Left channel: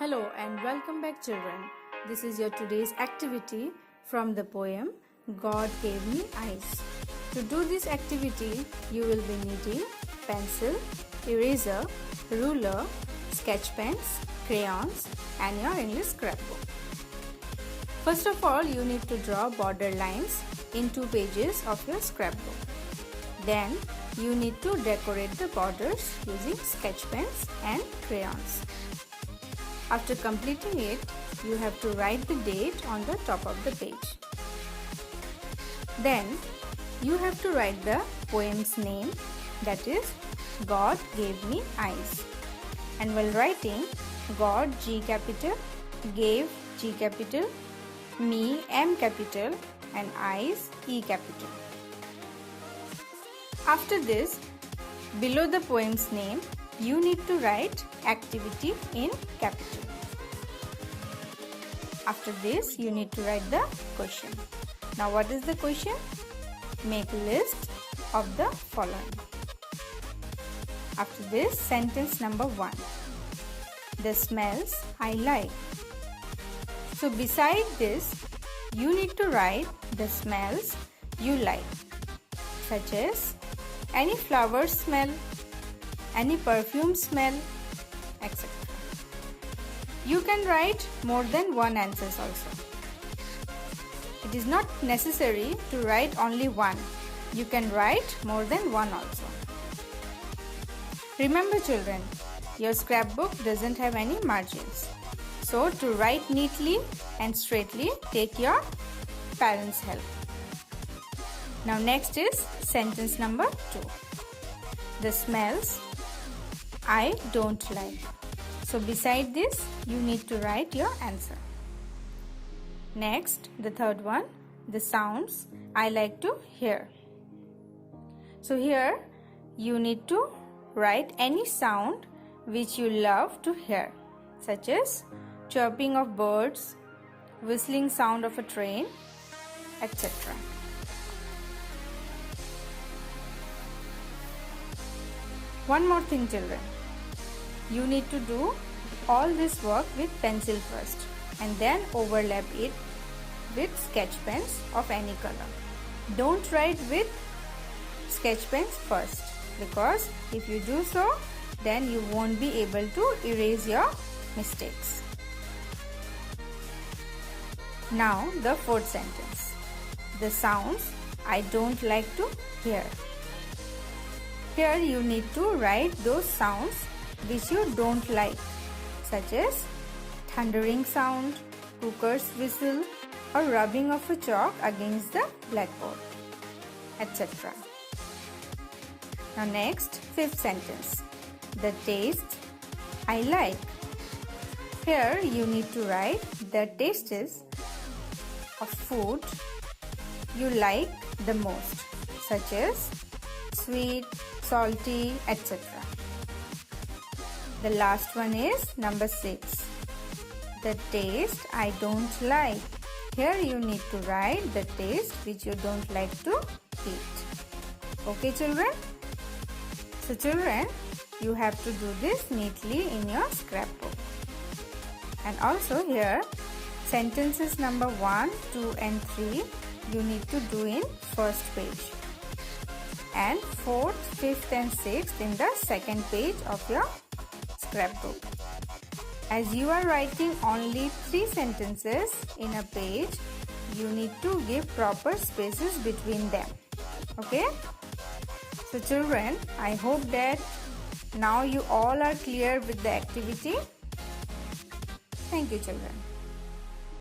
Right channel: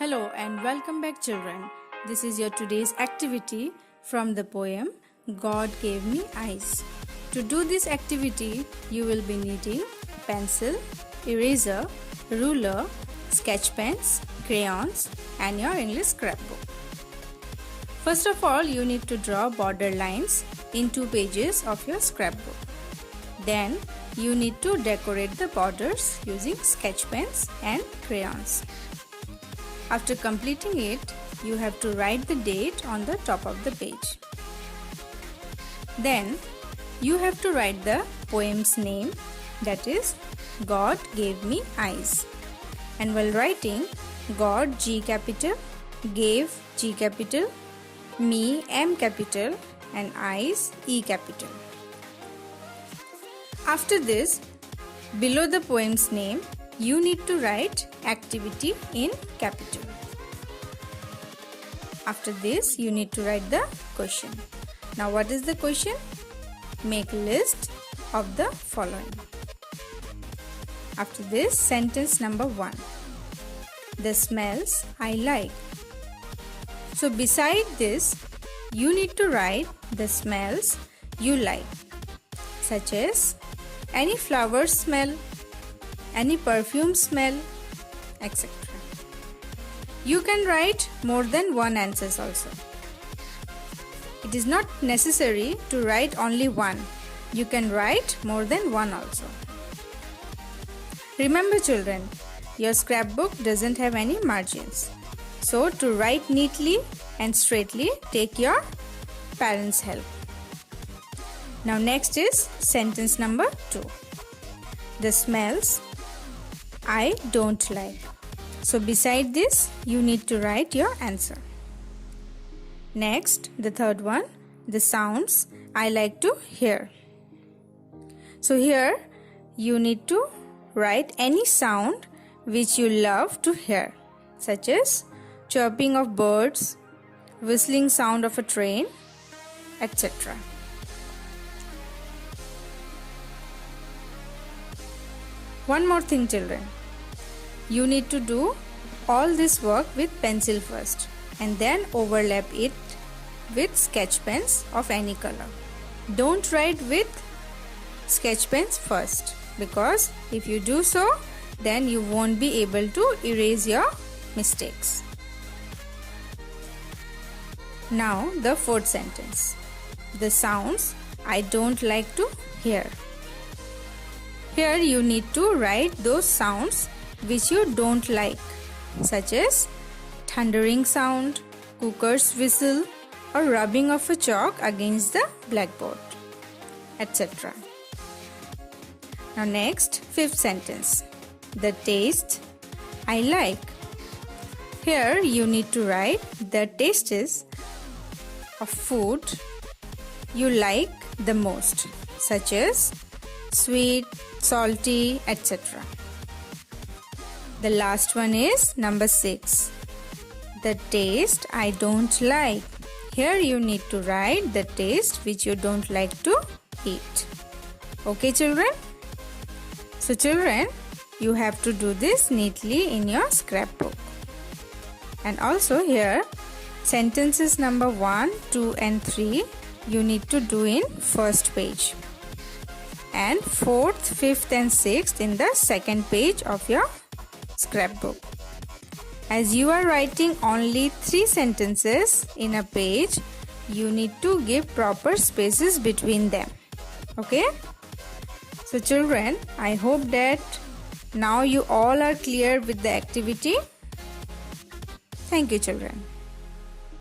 Hello and welcome back, children. This is your today's activity from the poem God Gave Me Eyes. To do this activity, you will be needing pencil, eraser, ruler, sketch pens, crayons and your English scrapbook. First of all, you need to draw border lines in 2 pages of your scrapbook. Then, you need to decorate the borders using sketch pens and crayons. After completing it, you have to write the date on the top of the page. Then, you have to write the poem's name, that is, God Gave Me Eyes. And while writing, God G capital, gave G capital, me M capital and eyes E capital. After this, below the poem's name, you need to write activity in capital. After this, you need to write the question. Now, what is the question? Make a list of the following. After this, sentence number 1. The smells I like. So, beside this, you need to write the smells you like, such as any flower smell, any perfume smell, etc. You can write more than one answers also. It is not necessary to write only one. You can write more than one also. Remember, children, your scrapbook doesn't have any margins. So, to write neatly and straightly, take your parents' help. Now, next is sentence number 2. The smells I don't like. So, beside this, you need to write your answer. Next, the third one, the sounds I like to hear. So, here you need to write any sound which you love to hear, such as chirping of birds, whistling sound of a train, etc. One more thing, children. You need to do all this work with pencil first and then overlap it with sketch pens of any color. Don't write with sketch pens first, because if you do so, then you won't be able to erase your mistakes. Now, the fourth sentence. The sounds I don't like to hear. Here you need to write those sounds which you don't like, such as thundering sound, cooker's whistle, or rubbing of a chalk against the blackboard, etc. Now next, fifth sentence. The taste I like. Here you need to write the tastes of food you like the most, such as sweet, salty, etc. The last one is number 6. The taste I don't like. Here you need to write the taste which you don't like to eat. Okay, children? So, children, you have to do this neatly in your scrapbook. And also here, sentences number 1, 2 and 3 you need to do in first page. And 4th, 5th and 6th in the second page of your scrapbook. As you are writing only 3 sentences in a page, you need to give proper spaces between them. Okay? So, children, I hope that now you all are clear with the activity. Thank you, children.